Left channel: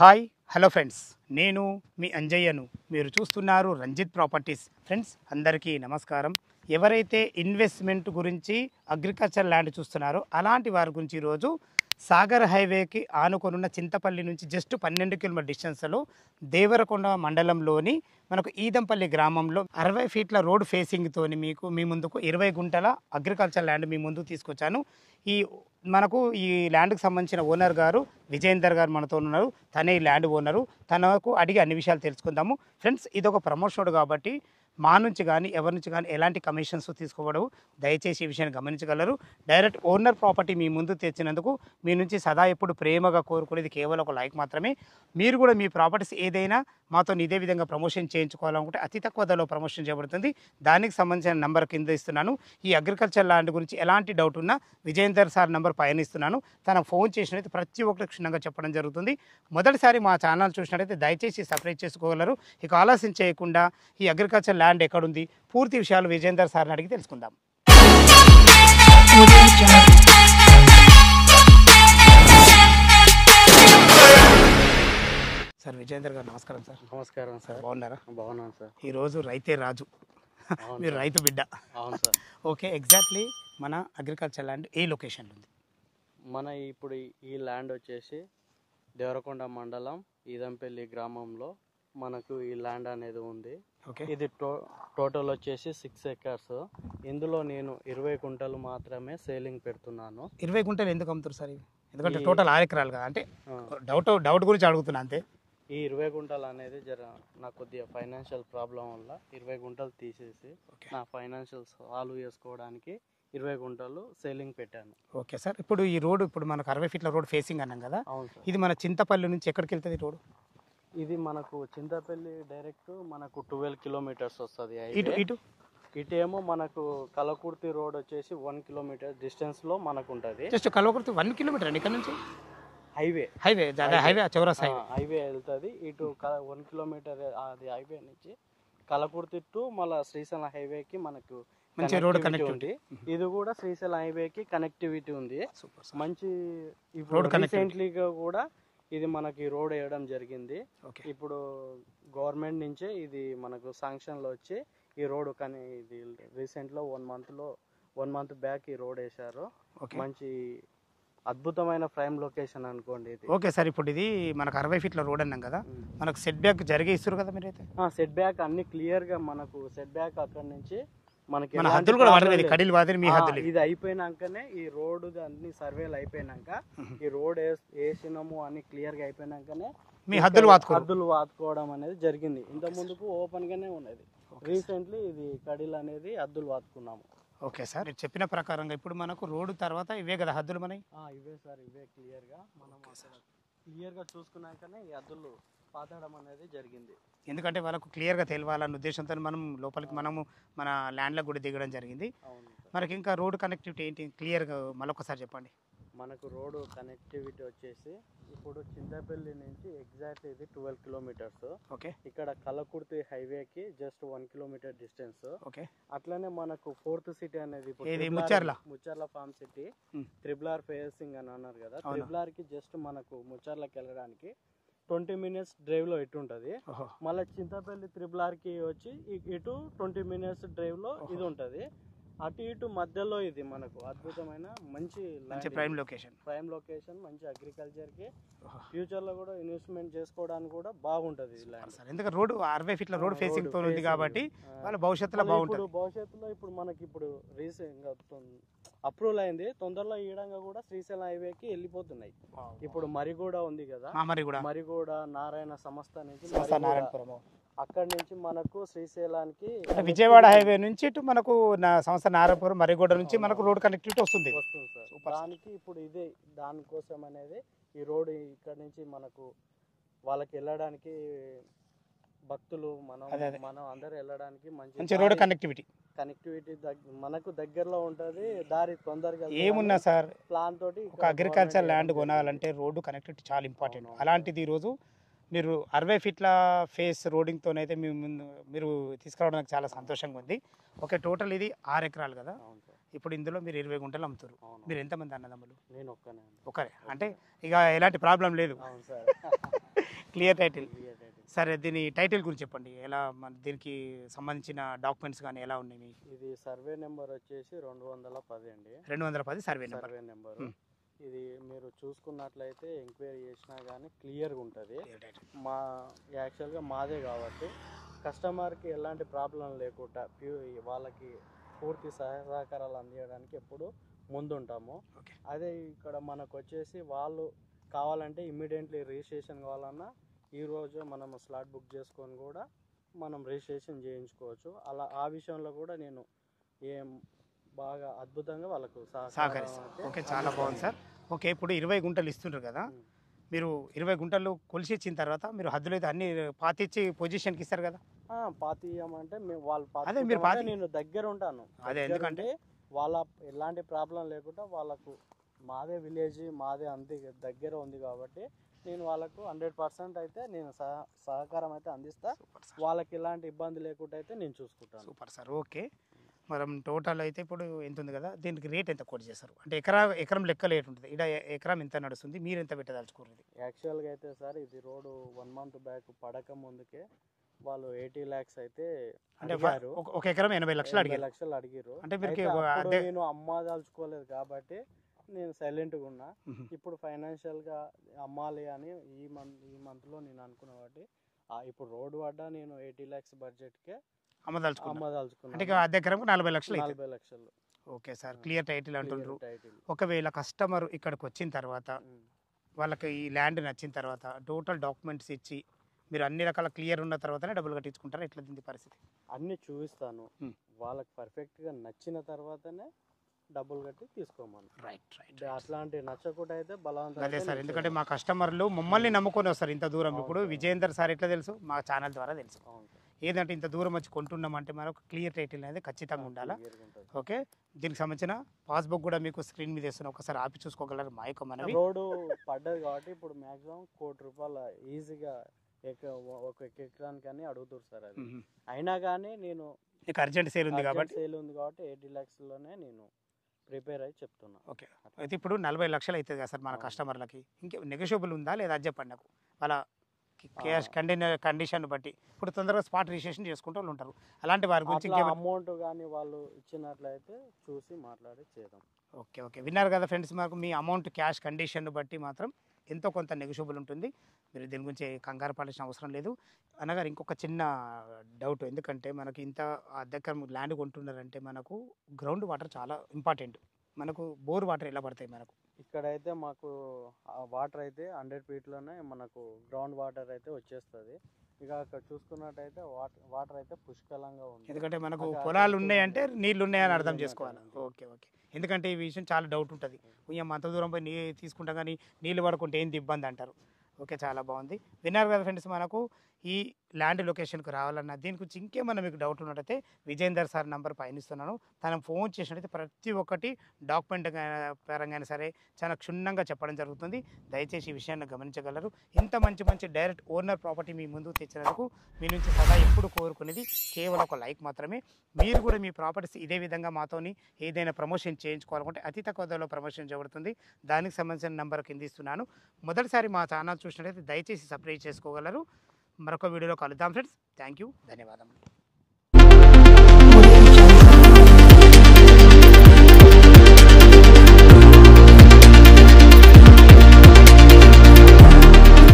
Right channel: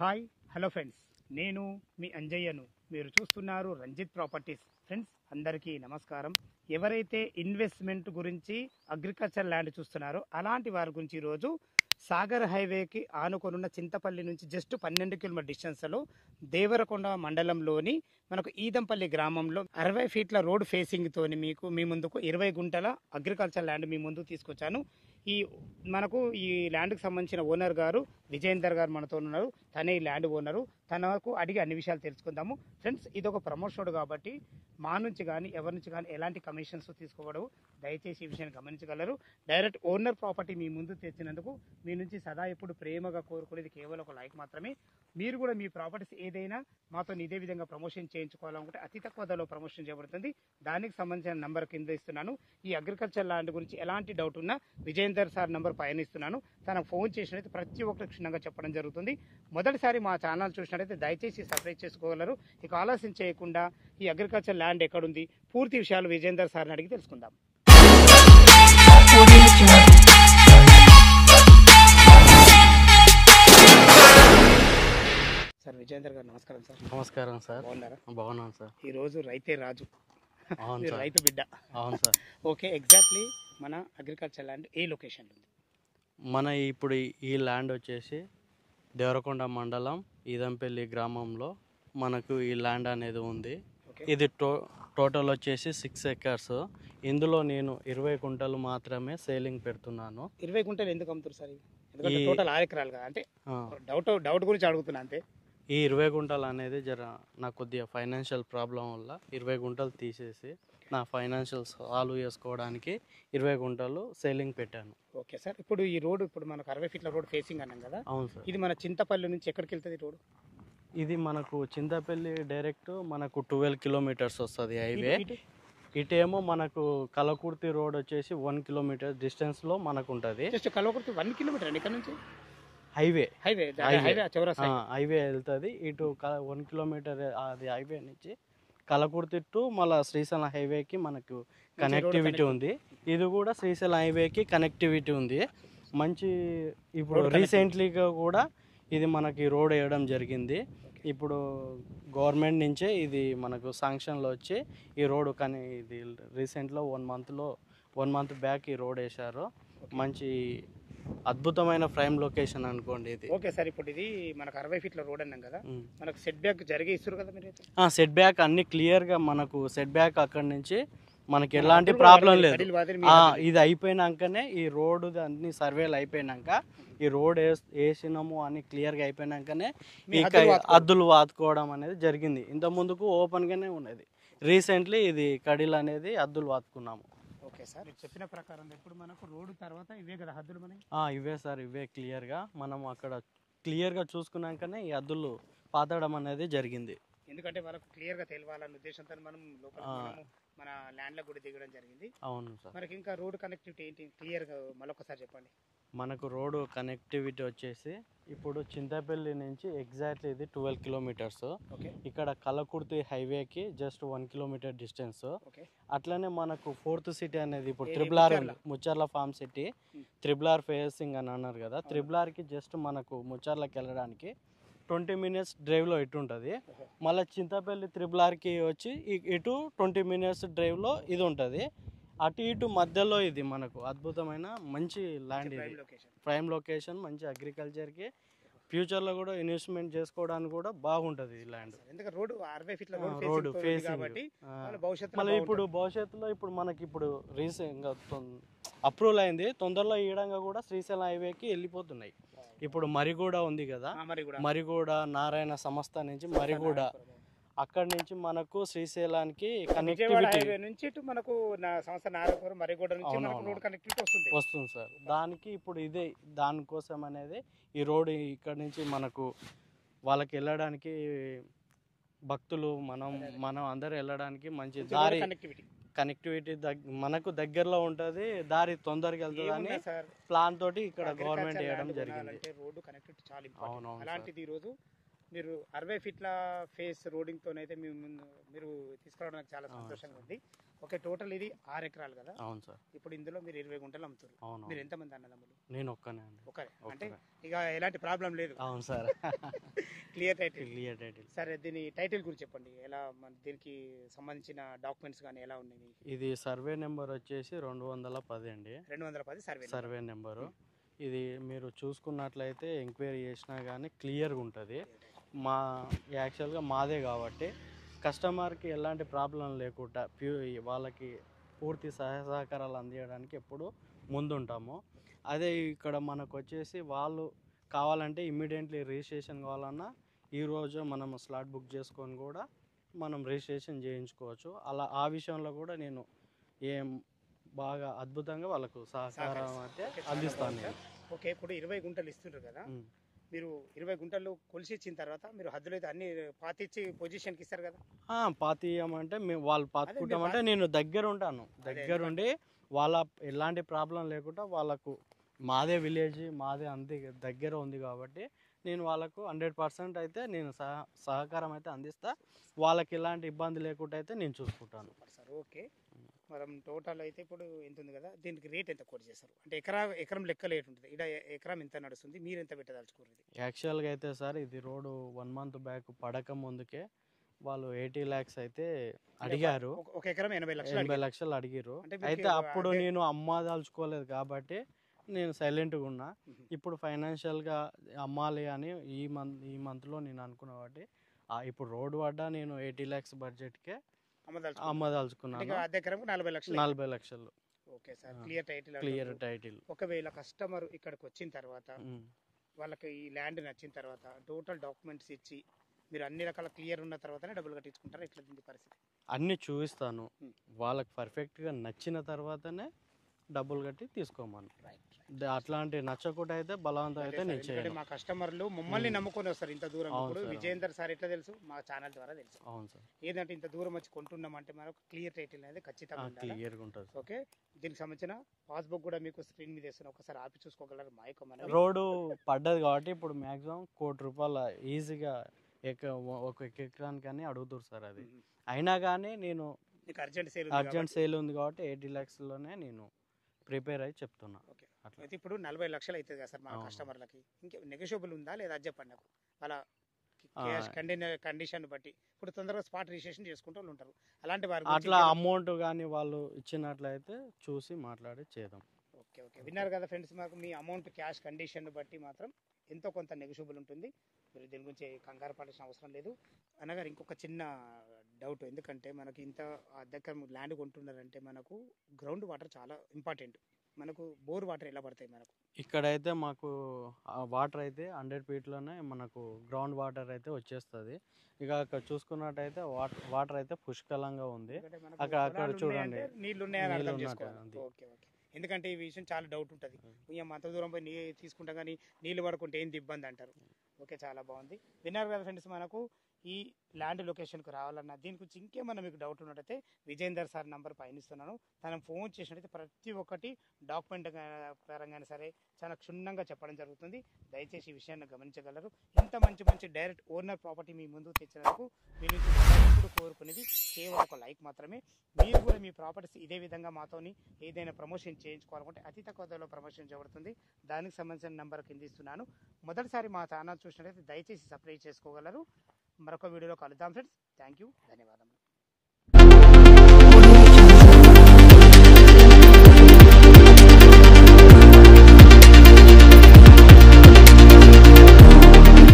Hi hello friends, నేను మీ అంజయ్యను. మీరు చూస్తున్నారు రంజిత్ ప్రాపర్టీస్. ఫ్రెండ్స్ అందరికీ నమస్కారం. ఎవరైతే ఇన్వెస్ట్మెంట్ గురించి అగ్రికల్చర్ ల్యాండ్ చూస్తున్నారో అలాంటి వారి గురించి ఈరోజు సాగర్ హైవేకి ఆనుకొనున్న చింతపల్లి నుంచి జస్ట్ 12 కిలోమీటర్ డిస్టెన్స్లో దేవరకొండ మండలంలోని మనకు ఈదంపల్లి గ్రామంలో 60 ఫీట్ల రోడ్ ఫేసింగ్తో మీ ముందుకు 20 గుంటల అగ్రికల్చర్ ల్యాండ్ మీ ముందుకు తీసుకొచ్చాను. ఈ ల్యాండ్కి సంబంధించిన ఓనర్ గారు విజయేందర్ గారు మనతో ఉన్నారు. తనే ఈ ల్యాండ్ ఓనరు. తనకు అడిగి అన్ని విషయాలు తెలుసుకుందాము. ఫ్రెండ్స్, ఇది ఒక ప్రమోషన్ కాబట్టి మా నుంచి కానీ ఎవరి నుంచి కానీ ఎలాంటి కమిషన్స్ తీసుకోవడవు. దయచేసి ఈ విషయాన్ని గమనించగలరు. డైరెక్ట్ ఓనర్ ప్రాపర్టీ మీ ముందు తెచ్చినందుకు మీ నుంచి సదా ఎప్పుడు ప్రేమగా కోరుకునేది కేవలం ఒక లైక్ మాత్రమే. మీరు కూడా మీ ప్రాపర్టీస్ ఏదైనా మాతో ఇదే విధంగా ప్రమోషన్ చేయించుకోవాలనుకుంటే అతి తక్కువ ధరలో ప్రమోషన్ చేయబడుతుంది. దానికి సంబంధించిన నెంబర్ కింద ఇస్తున్నాను. ఈ అగ్రికల్చర్ ల్యాండ్ గురించి ఎలాంటి డౌట్ ఉన్నా విజయేందర్ సార్ నెంబర్ పైన ఇస్తున్నాను. తనకు ఫోన్ చేసినట్లయితే ప్రతి ఒక్కరికి క్షుణ్ణంగా చెప్పడం జరుగుతుంది. మొదటిసారి మా ఛానల్ చూసినట్లయితే దయచేసి సబ్స్క్రైబ్ చేసుకోగలరు. ఇక ఆలస్యం చేయకుండా ఈ అగ్రికల్చర్ ల్యాండ్ ఎక్కడుంది, పూర్తి విషయాలు విజయేందర్ సార్ని అడిగి తెలుసుకుందాం. సార్ విజయేందర్ గారు నమస్కారం సార్. నమస్కారం సార్. బాగున్నారా? బాగున్నాను సార్. ఈరోజు రైతే రాజు, మీరు రైతు బిడ్డ. అవును సార్. ఓకే, ఎగ్జాక్ట్లీ మన అగ్రికల్చర్ ల్యాండ్ ఏ లొకేషన్లో ఉంది? మన ఇప్పుడు ఈ ల్యాండ్ వచ్చేసి దేవరకొండ మండలం ఈదంపల్లి గ్రామంలో మనకు ఈ ల్యాండ్ అనేది ఉంది. ఇది టోటల్ వచ్చేసి 6 ఎకర్స్. ఇందులో నేను 20 గుంటలు మాత్రమే సేలింగ్ పెడుతున్నాను. 20 గుంటలు ఎందుకు అమ్ముతారు సార్? ఎందుకంటే టోటల్ 6 ఎకరాలు కదా, అంటే డౌట్ గురించి అడుగుతున్నా అంతే. ఈ 20 గుంటలు అనేది నాకు కొద్దిగా ఫైనాన్షియల్ ప్రాబ్లం వల్ల 20 గుంటలు తీసేసి నా ఫైనాన్షియల్ సాల్వ్ చేసుకోవడానికి 20 గుంటలు సేలింగ్ పెట్టాను. Okay sir. ఇప్పుడు ఈ రోడ్ మనకు 60 ఫీట్ల రోడ్ ఫేసింగ్ అన్నాం కదా. అవును సార్. ఇది మన చింతపల్లి నుంచి ఎక్కడికి వెళ్తుంది రోడ్? ఇది మనకు చింతపల్లి డైరెక్ట్ మనకు 12 కిలోమీటర్స్ వస్తుంది హైవే. ఇటేమో మనకు కలకుర్తి రోడ్ వచ్చేసి 1 కిలోమీటర్ డిస్టెన్స్లో మనకు ఉంటుంది. జస్ట్ కలకుర్తి 1 కిలోమీటర్ అండి ఇక్కడ నుంచి హైవే వెళ్తుంది. ఇటు 1 కిలోమీటర్ అది హైవే నుంచి కలకుర్తి టు మళ్ళీ శ్రీశైలం హైవేకి మనకు కనెక్టివిటీ ఉంది. ఇది కూడా శ్రీశైలం హైవేకి కనెక్టివిటీ ఉంది. మంచి ఇప్పుడు రీసెంట్లీగా కూడా ఇది మనకి రోడ్ వేయడం జరిగింది. ఇప్పుడు గవర్నమెంట్ నుంచే ఇది మనకు శాంక్షన్లో వచ్చి ఈ రోడ్ కానీ ఇది రీసెంట్లో 1 మంత్ బ్యాక్ ఈ రోడ్ వేశారు. మంచి అద్భుతమైన ప్రైమ్ లొకేషన్ అనుకోండి ఇది. Okay sir. ఇప్పుడు ఇది మనకు 60 ఫీట్ల రోడ్ అన్నాం కదా, మనకు సెట్ బ్యాక్ జరిగే ఇస్తారు కదా మీరైతే? సెట్ బ్యాక్ అన్ని క్లియర్గా మనకు సెట్ బ్యాక్ అక్కడి నుంచి మనకి ఎలాంటి ప్రాబ్లం లేదు. ఇది అయిపోయినాకనే ఈ రోడ్ అన్ని సర్వేలు అయిపోయినాక ఈ రోడ్ వేసినాము అని క్లియర్గా అయిపోయినాకనే హద్దులు వాతుకోవడం అనేది జరిగింది. ఇంత ముందుకు ఓపెన్ గానే ఉన్నది. రీసెంట్లీ ఇది కడీలు అనేది హద్దులు వాతుకున్నాము. ఓకే సార్, మీరు చెప్పిన ప్రకారంగా ఇప్పుడు మనకు రోడ్డు తర్వాత ఇవే కదా హద్దులు మనకి? ఇవే సార్, ఇవే క్లియర్గా మనం అక్కడ క్లియర్గా చూసుకున్నాకనే ఈ హద్దులు పాతడం అనేది జరిగింది. ఎందుకంటే వాళ్ళకు క్లియర్గా తెలియాలన్న ఉద్దేశంతో మనం లోపలికి మన ల్యాండ్లకు కూడా దిగడం జరిగింది. అవును సార్. మనకి ఇంకా రోడ్ కనెక్టివిటీ ఏంటి క్లియర్గా మళ్ళొకసారి చెప్పండి. మనకు రోడ్డు కనెక్టివిటీ వచ్చేసి ఇప్పుడు చింతపల్లి నుంచి ఎగ్జాక్ట్లీ ఇది 12 కిలోమీటర్స్. ఓకే. ఇక్కడ కలకుర్తి హైవేకి జస్ట్ 1 కిలోమీటర్ డిస్టెన్స్. ఓకే. అట్లనే మనకు 4th సిటీ అనేది ఇప్పుడు Mucherla pharma city triple facing అని అన్నారు కదా. త్రిబుల్ జస్ట్ మనకు ముచ్చర్లకి వెళ్ళడానికి 20 మినిట్స్ డ్రైవ్లో ఇటు ఉంటుంది. మళ్ళీ చింతపల్లి త్రిబుల్కి వచ్చి ఇటు 20 మినిట్స్ డ్రైవ్లో ఇది ఉంటుంది. అటు ఇటు మధ్యలో ఇది మనకు అద్భుతమైన మంచి ల్యాండ్, ప్రైమ్ లొకేషన్ మంచి అగ్రికల్చర్కి ఫ్యూచర్లో కూడా ఇన్వెస్ట్మెంట్ చేసుకోవడానికి కూడా బాగుంటుంది ఈ ల్యాండ్. ఎందుకంటే రోడ్ 60 ఫీట్ల రోడ్ ఫేసింగ్ ఉంది కాబట్టి భవిష్యత్తులో ఇప్పుడు మనకి ఇప్పుడు రీసెంట్గా అప్రూవల్ అయింది. తొందరలో ఈడంగా కూడా శ్రీశైలం హైవేకి వెళ్ళిపోతున్నాయి. ఇప్పుడు మరిగూడ ఉంది కదా, మరిగూడ నారాయణ సంస్థ నుంచి మరిగూడ అక్కడ నుంచి మనకు శ్రీశైలానికి విజయవాడ హైవే నుంచి ఇటు మనకు సంస్థ నారాయణపురం మరిగూడ నుంచి మనకు రోడ్ కనెక్టివిటీ వస్తుంది సార్. దానికి ఇప్పుడు ఇదే దానికోసం అనేది ఈ రోడ్ ఇక్కడ నుంచి మనకు వాళ్ళకి వెళ్ళడానికి భక్తులు మనం అందరూ వెళ్ళడానికి మంచి రోడ్ కనెక్టివిటీ మనకు దగ్గరలో ఉంటుంది. దారి తొందరగా ఏమున్నా సార్ ప్లాన్ తోటి అగ్రికల్చర్ ల్యాండ్ కొనాలంటే రోడ్డు కనెక్టివిటీ చాలా ఇంపార్టెంట్. అలాంటిది ఈరోజు మీరు 60 ఫీట్ల ఫేస్ రోడింగ్తోనైతే మీరు తీసుకురావడానికి చాలా సంతోషంగా ఉంది. ఓకే, టోటల్ ఇది 6 ఎకరాలు కదా? అవును సార్. ఇప్పుడు ఇందులో మీరు 20 గుంటలు అమ్ముతారు. మీరు ఎంతమంది అన్నదమ్ములు? నేను ఒక్కనే. ఒకరే అంటే ఇక ఎలాంటి ప్రాబ్లం లేదు. అవును sir. Clear title. Clear title. సరే, దీని టైటిల్ గురించి చెప్పండి. ఎలా దీనికి సంబంధించిన డాక్యుమెంట్స్ కానీ ఎలా ఉన్నాయి? ఇది సర్వే నెంబర్ వచ్చేసి 210 అండి. 210 సర్వే నెంబరు. ఇది మీరు చూసుకున్నట్లయితే ఎంక్వైరీ చేసినా కానీ క్లియర్గా ఉంటుంది. యాక్చువల్గా మాదే కాబట్టి కస్టమర్కి ఎలాంటి ప్రాబ్లం లేకుండా వాళ్ళకి పూర్తి సహకారాలు అందించడానికి ఎప్పుడు ముందుంటాము. అదే ఇక్కడ మనకు వచ్చేసి వాళ్ళు కావాలంటే ఇమ్మీడియట్లీ రిజిస్ట్రేషన్ కావాలన్నా ఈరోజు మనం స్లాట్ బుక్ చేసుకొని కూడా మనం రిజిస్ట్రేషన్ చేయించుకోవచ్చు. అలా ఆ విషయంలో కూడా నేను బాగా అద్భుతంగా వాళ్ళకు సహకరిస్తాను. ఓకే, చాలా బాగుంది సార్. ఓకే, ఇప్పుడు 20 గుంటలు ఇస్తుంటారు కదా, మీరు 20 గుంటలు కొలిసి ఇచ్చిన తర్వాత మీరు హద్దులు అయితే అన్ని పాతిచ్చి పొజిషన్కి ఇస్తారు కదా? పాతి ఇవ్వమంటే వాళ్ళు పాతి నేను దగ్గర ఉంటాను. అంటే వాళ్ళ ఎలాంటి ప్రాబ్లం లేకుండా వాళ్ళకు మాదే విలేజ్ మాదే అంతే దగ్గర ఉంది కాబట్టి నేను వాళ్ళకు 100% అయితే నేను సహకారం అయితే అందిస్తా. వాళ్ళకి ఎలాంటి ఇబ్బంది లేకుండా అయితే నేను చూసుకుంటాను. Super sir. ఓకే, మనం టోటల్ అయితే ఇప్పుడు ఎంత ఉంది కదా, దీనికి రేట్ ఎంత కోట్ చేస్తారు? అంటే ఎకరం లెక్క రేట్ ఉంటుంది. ఇక్కడ ఎకరం ఎంత నడుస్తుంది, మీరు ఎంత పెట్టదలుచుకోరు? యాక్చువల్గా అయితే సార్ ఇది రోడ్డు 1 month బ్యాక్ పడక ముందుకే వాళ్ళు 80 lakhs అయితే అడిగారు. ఒక ఎకరం 80 లక్షలు అడిగారు. అంటే అప్పుడు నేను అమ్మదలుచుకోలేదు కాబట్టి నేను సైలెంట్గా ఉన్నా. ఇప్పుడు ఫైనాన్షియల్గా అమ్మాలి అని ఈ మంత్లో నేను అనుకున్నా కాబట్టి ఇప్పుడు రోడ్ పడ్డా నేను 80 lakhs బడ్జెట్కే అమ్మదలుచుకున్నాను. 40 లక్షలు. Okay sir, clear title. ఒకవేళ కస్టమర్ ఇక్కడికి వచ్చిన తర్వాత వాళ్ళకి ఈ ల్యాండ్ నచ్చిన తర్వాత టోటల్ డాక్యుమెంట్స్ ఇచ్చి మీరు అన్ని రకాల క్లియర్ ఉన్న తర్వాతనే డబ్బులు కట్టించుకుంటారా? ఎట్లా దీని పరిస్థితి? అన్నీ చూపిస్తాను. వాళ్ళకి పర్ఫెక్ట్గా నచ్చిన తర్వాతనే డబ్బులు కట్టి తీసుకోమని. రైట్. అట్లాంటి నచ్చకుండా అయితే బలవంతం. ఎందుకంటే మా కస్టమర్లు మమ్మల్ని నమ్ముకొని వస్తారు ఇంత దూరం. ఇప్పుడు విజయేందర్ సార్ ఎట్లా తెలుసు? మా ఛానల్ ద్వారా తెలుసు. అవును సార్. ఏదంటే ఇంత దూరం వచ్చి కొంటున్నామంటే మనకు క్లియర్ టైటిల్ అనేది ఖచ్చితంగా ఉండాలి. ఓకే, దీనికి సంబంధించిన పాస్బుక్ కూడా మీకు స్క్రీన్ మీద వేస్తున్నా, ఒకసారి ఆపి చూసుకోగలరు. మా యొక్క మనవి రోడ్డు పడ్డది కాబట్టి ఇప్పుడు మ్యాక్సిమం ₹1,00,00,000 ఈజీగా ఒక ఎకరానికి అడుగుతారు సార్. అది అయినా కానీ నేను అర్జెంట్ సేల్ ఉంది కాబట్టి 80 lakhsలోనే నేను ప్రిపేర్ అయ్యి చెప్తున్నా. ఓకే, అయితే ఇప్పుడు 40 లక్షలు అవుతుంది కదా సార్ మన కస్టమర్లకి. ఇంకే నెగోషియబుల్ ఉందా లేదా అది చెప్పండి నాకు. వాళ్ళ క్యాష్ కండిషన్ బట్టి ఇప్పుడు తొందరగా స్పాట్ రిజిస్ట్రేషన్ చేసుకుంటూ వాళ్ళు ఉంటారు. అలాంటి వారి గురించి అమౌంట్ కానీ వాళ్ళు ఇచ్చినట్లయితే చూసి మాట్లాడి చేద్దాం. ఓకే, విన్నారు కదా ఫ్రెండ్స్, మాకు మీ అమౌంట్ క్యాష్ కండిషన్ బట్టి మాత్రం ఎంతో కొంత నెగోషియబుల్ ఉంటుంది. మీరు దీని గురించి కంగారు పడాల్సిన అవసరం లేదు. అనగా ఇంకొక చిన్న డౌట్, ఎందుకంటే మనకి ఇంత దగ్గర ల్యాండ్ కొంటున్నారంటే మనకు గ్రౌండ్ వాటర్ చాలా ఇంపార్టెంట్. మనకు బోర్ వాటర్ ఎలా పడతాయి మనకు? ఇక్కడైతే మాకు వాటర్ అయితే 100 feetలోనే మనకు గ్రౌండ్ వాటర్ అయితే వచ్చేస్తుంది. ఇక అక్కడ చూసుకున్నట్టయితే వాటర్ అయితే పుష్కలంగా ఉంది. ఎందుకంటే మనకు పొలాలు ఉన్నాయంటే నీళ్ళు ఉన్నాయని అర్థం చేసుకోవాలి. ఓకే, ఎందుకంటే ఈ విషయం చాలా డౌట్ ఉంటుంది. అంత దూరం పోయి నీళ్ళు తీసుకుంటాం కానీ నీళ్ళు పడుకుంటే ఏంటి ఇబ్బంది అంటారు. ఓకే, చాలా బాగుంది. విన్నారు కదా ఫ్రెండ్స్, మనకు ఈ ల్యాండ్ లొకేషన్కి రావాలన్నా దీని గురించి ఇంకేమన్నా మీకు డౌట్ ఉన్నట్టయితే విజయేందర్ సార్ నెంబర్ పైన ఇస్తున్నాను. తను ఫోన్ చేసినట్టయితే ప్రతి ఒక్కటి డాక్యుమెంట్ పరంగా సరే చాలా క్షుణ్ణంగా చెప్పడం జరుగుతుంది. దయచేసి ఈ విషయాన్ని గమనించగలరు. ఇంత మంచి డైరెక్ట్ ఓనర్ ప్రాపర్టీ మీ ముందుకు తెచ్చినందుకు మీ నుంచి సదా ఎప్పుడు కోరుకునేది కేవలం ఒక లైక్ మాత్రమే. మీరు కూడా మీ ప్రాపర్టీస్ ఇదే విధంగా మాతోని ఏదైనా ప్రమోషన్ చేయించుకోవాలనుకుంటే అతి తక్కువ ధరలో ప్రమోషన్ చేయబడుతుంది. దానికి సంబంధించిన నెంబర్ కింద ఇస్తున్నాను. మొదటిసారి మా ఛానల్ చూసినట్టయితే దయచేసి సబ్స్క్రైబ్ చేసుకోగలరు. మరొక వీడియోలో కలుద్దాం ఫ్రెండ్స్. థ్యాంక్ యూ, ధన్యవాదములు.